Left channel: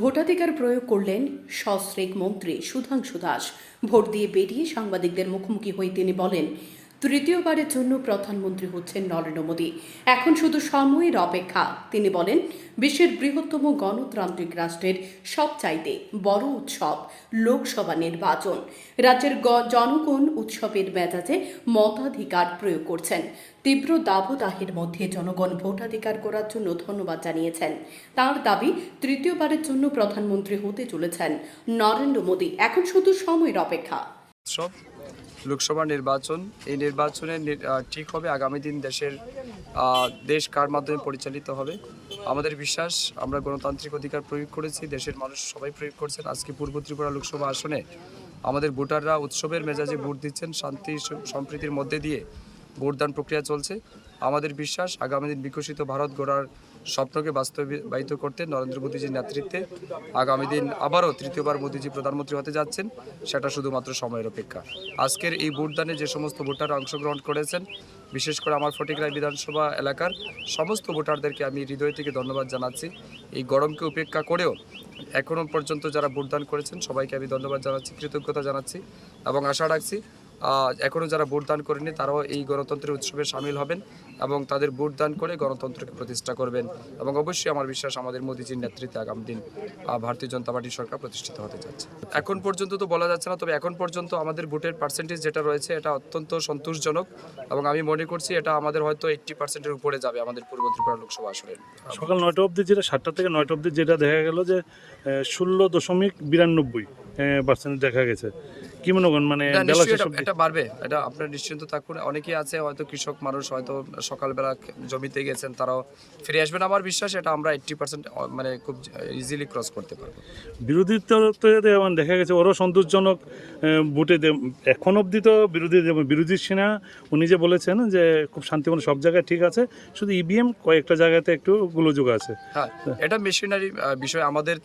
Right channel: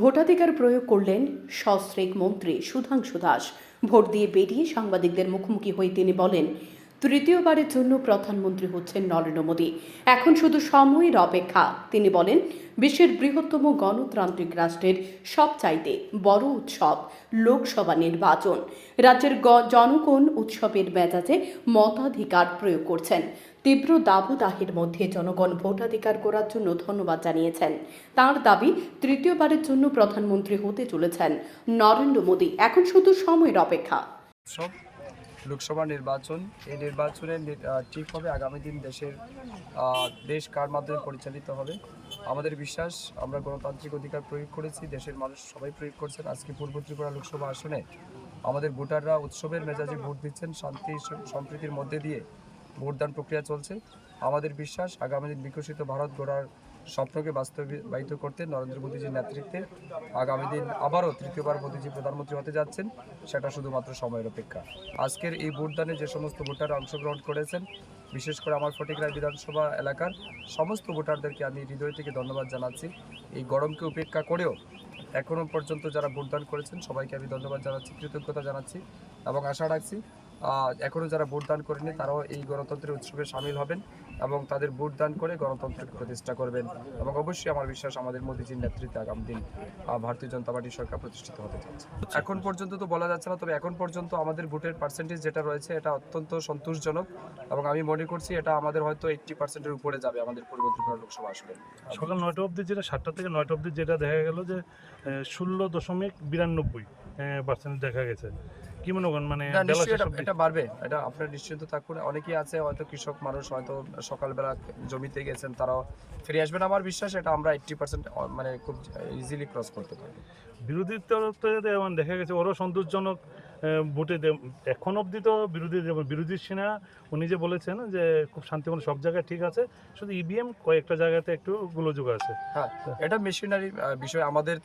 ভোটাধিকার প্রয়োগ করলেন সস্ত্রীক মন্ত্রী সুধাংশু দাস। ভোট দিয়ে বেরিয়ে সাংবাদিকদের মুখোমুখি হয়ে তিনি বলেন, তৃতীয়বারের জন্য প্রধানমন্ত্রী হচ্ছেন নরেন্দ্র মোদী। এখন শুধু সময়ের অপেক্ষা। তিনি বলেন, বিশ্বের বৃহত্তম গণতান্ত্রিক রাষ্ট্রের সবচাইতে বড় উৎসব লোকসভা নির্বাচন। রাজ্যের জনগণ উৎসবের মেজাজে মতাধিকার প্রয়োগ করছেন। তীব্র দাবদাহের মধ্যে জনগণ ভোটাধিকার করার জন্য ধন্যবাদ জানিয়েছেন। তার দাবি, তৃতীয়বারের জন্য প্রধানমন্ত্রী হতে চলেছেন নরেন্দ্র মোদী। এখন শুধু সময়ের অপেক্ষা। সব লোকসভা নির্বাচন, এই নির্বাচনে ঠিক হবে আগামী দিন দেশ কার মাধ্যমে পরিচালিত হবে। আমাদের বিশ্বাস, আমরা গণতান্ত্রিক অধিকার প্রয়োগ করেছি, দেশের মানুষ সবাই প্রয়োগ করছেন। আজকে পূর্ব ত্রিপুরা লোকসভা আসনে আমাদের ভোটাররা উৎসবের মেজাজে ভোট দিচ্ছেন। শান্তি সম্প্রীতির মধ্যে দিয়ে ভোটদান প্রক্রিয়া চলছে। আমাদের বিশ্বাস, আগামী দিন বিকশিত ভারত গড়ার স্বপ্নকে বাস্তবায়িত করতে নরেন্দ্র মোদীজির নেতৃত্বে আগামী দিন আবারও তৃতীয়বার মোদীজি প্রধানমন্ত্রী হতে যাচ্ছেন। সেটা শুধুমাত্র সময়ের অপেক্ষা। আজকের এই ভোটদানে যে সমস্ত ভোটাররা অংশগ্রহণ করেছেন, বিশেষ করে আমার ফটিকরায় বিধানসভা এলাকার সমস্ত ভোটারদেরকে আমি হৃদয় থেকে ধন্যবাদ জানাচ্ছি। এই গরমকে উপেক্ষা করেও এখনও পর্যন্ত যারা ভোটদান করেছেন সবাইকে আমি ধন্যবাদ জানাচ্ছি, কৃতজ্ঞতা জানাচ্ছি এবং আশা রাখছি এখনও যারা ভোটদান করেনি তারাও এই গণতন্ত্রের উৎসবে সামিল হবেন এবং তাদের ভোটদান করে গণতন্ত্রকে প্রতিষ্ঠা করবেন। এবং অবশ্যই আমার বিশ্বাস, আমাদের মোদীজির নেতৃত্বে আগামী দিন ভারতীয় জনতা পার্টির সরকার প্রতিষ্ঠিত হতে যাচ্ছে। এখন পর্যন্ত তো বলা যাচ্ছে না, তবে এখন পর্যন্ত আমাদের ভোটের পার্সেন্টেজ যেটা রয়েছে এটা অত্যন্ত সন্তোষজনক এবং আমি মনে করছি এটা আমাদের হয়তো 80%-এর উপরে যাবে আমাদের পূর্ব ত্রিপুরা লোকসভা আসনে। সকাল 9টা অবধি, যেটা 7টা থেকে 9টা অবধি যেটা দেখা গেল যে 16.92% দেখা গেছে। কি মনে করেন, মানে এটা বাড়বে, এটা আপনার নিশ্চিন্ত থাকুন। অনেকেই আছে হয়তো কৃষক মানুষ, হয়তো সকালবেলা জমিতে গেছেন, তারাও ফিরে আসবেন। আমার বিশ্বাস এটা আমরা 80% মানে খুব ইজিলি ক্রস করতে পারবো। বিরোধী তরফে দেখা গেছে ওরও সন্তোষজনক ভোটে এখন অবধি তো বিরোধী সেনা উনি যে বলেছেন যে খুব শান্তিপূর্ণ সব জায়গায় ঠিক আছে, শুধু ইভিএম কয়েকটা জায়গাতে একটু গোলযোগ আছে। হ্যাঁ, এটা মেশিনারি বিষয়। আমাদের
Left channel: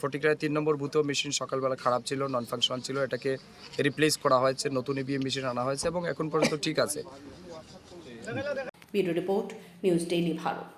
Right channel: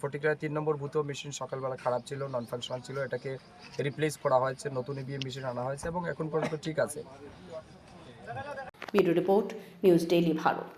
ফটিকরায় 3 নম্বর বুথেও মেশিন সকালবেলা খারাপ ছিল, নন ফাংশনাল ছিল, এটাকে রিপ্লেস করা হয়েছে, নতুন ইভিএম মেশিন আনা হয়েছে এবং এখন পর্যন্ত ঠিক আছে। Bureau report, news daily Bharat.